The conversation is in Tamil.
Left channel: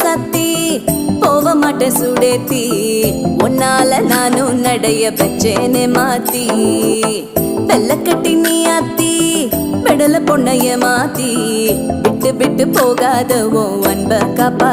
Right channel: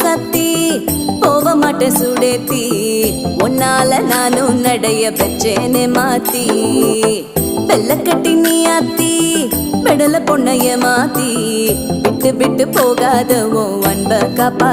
சத்தி போக மாட்டேன் சுடேத்தி உன்னால நானும் நடைய பெற்றேனே மாத்தி வெள்ள கட்டி நீ ஆத்தி பெடல பொண்ணைய மாத்தி விட்டு விட்டு போகாத உன் அன்ப காப்பாத்தி